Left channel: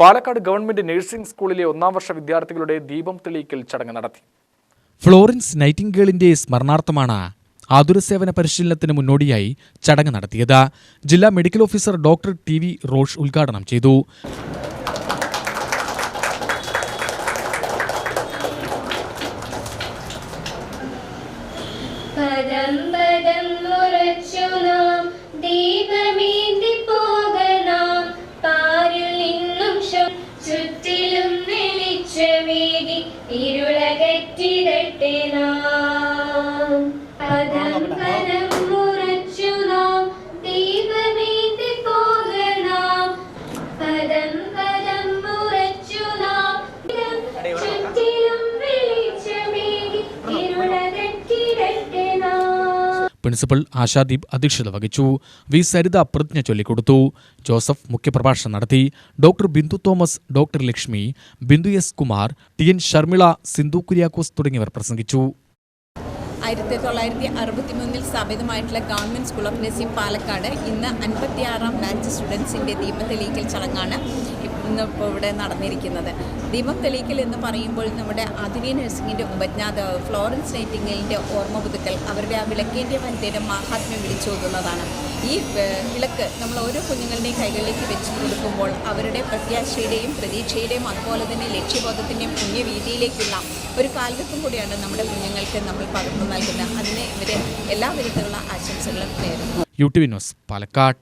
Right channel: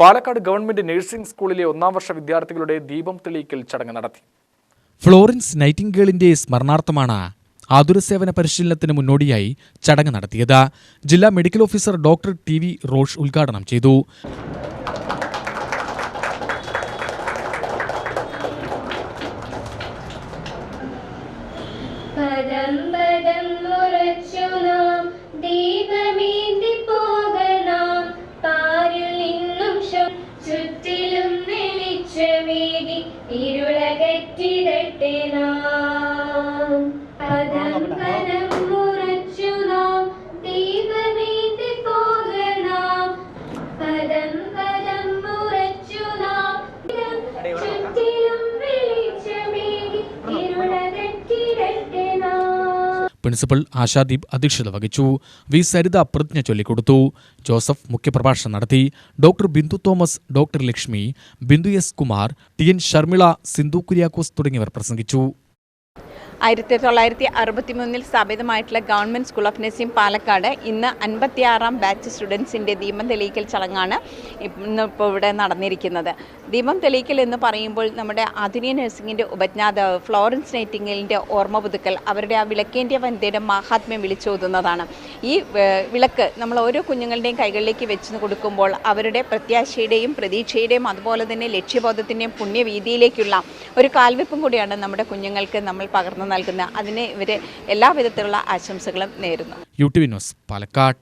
Palakkad government nursing സ്കൂളിലെ ഒന്നാം വർഷ വിദ്യാർത്ഥികളുടെ ദീപം തെളിയിക്കൽ ചടങ്ങ് നടത്തി. ഫ്ലോറൻസ് നൈറ്റിംഗേളിന്റെ സ്മരണാർത്ഥമാണ് ആതുരസേവന പരിശീലനത്തിന് മുന്നോടിയായി ചടങ്ങ് നടത്തിയത്. ജില്ലാ medical officer doctor TV Rosh ഉദ്ഘാടനം ചെയ്തു. പ്രിൻസിപ്പൽ ആശാദീപ് അധ്യക്ഷത വഹിച്ചു. വി സരിത പ്രതിജ്ഞ ചൊല്ലിക്കൊടുത്തു. ജോസഫ് മുഖ്യപ്രഭാഷണം നടത്തി. Doctor Bindu Thomas, doctor Lakshmi, Bindu S. Kumar, TN Sharmila, Sindhu Kuriakose തുടങ്ങിയവർ പ്രസംഗിച്ചു. 1963 സ്ഥാപിതമായിട്ടുള്ള government school of nursing Palakkad ഇന്ന് 56ാം ബാച്ച് സ്റ്റുഡൻസിൻ്റെ ദീപം തെളിയിക്കൽ ചടങ്ങാണ് ഇന്നിപ്പോൾ ഇവിടെ നടന്നിരിക്കുന്നത്. ദീപം തെളിയിക്കൽ എന്ന് പറയുമ്പോൾ നമ്മുടെ ആധുനിക നഴ്സിംഗിൻ്റെ ഉപജ്ഞാതാവ് ഫ്ലോറൻസ് നൈറ്റിംഗേലിൻ്റെ ഓർമ്മ പുതുക്കൽ, അവരുടെ ആ വിളക്കേന്ത്യ വനിതയുടെ മാഹാത്മ്യം വിളിച്ചോതുന്നതാണ്. ഈ വിളക്ക് നമ്മൾ ഓരോ കുഞ്ഞുങ്ങളുടെയും കൈകളിലേക്ക് വെച്ച് കൊടുക്കുമ്പോൾ അവരുടെ പ്രത്യാശയുടെയും പ്രതീക്ഷയുടെയും അതുപോലെ തന്നെ ലക്ഷ്യബോധത്തിൻ്റെയും പുണ്യവീതിയിലേക്കുള്ള ഒരു കാൽവെപ്പും കൂടിയാണ് നമ്മുടെ കുഞ്ഞുങ്ങൾക്ക് നമ്മൾ പകർന്നു നൽകുന്നത്. അതിന് ഇവരെ എല്ലാവിധത്തിലുള്ള ആശംസകളും നേരുന്നു. UTV news, Palakkad.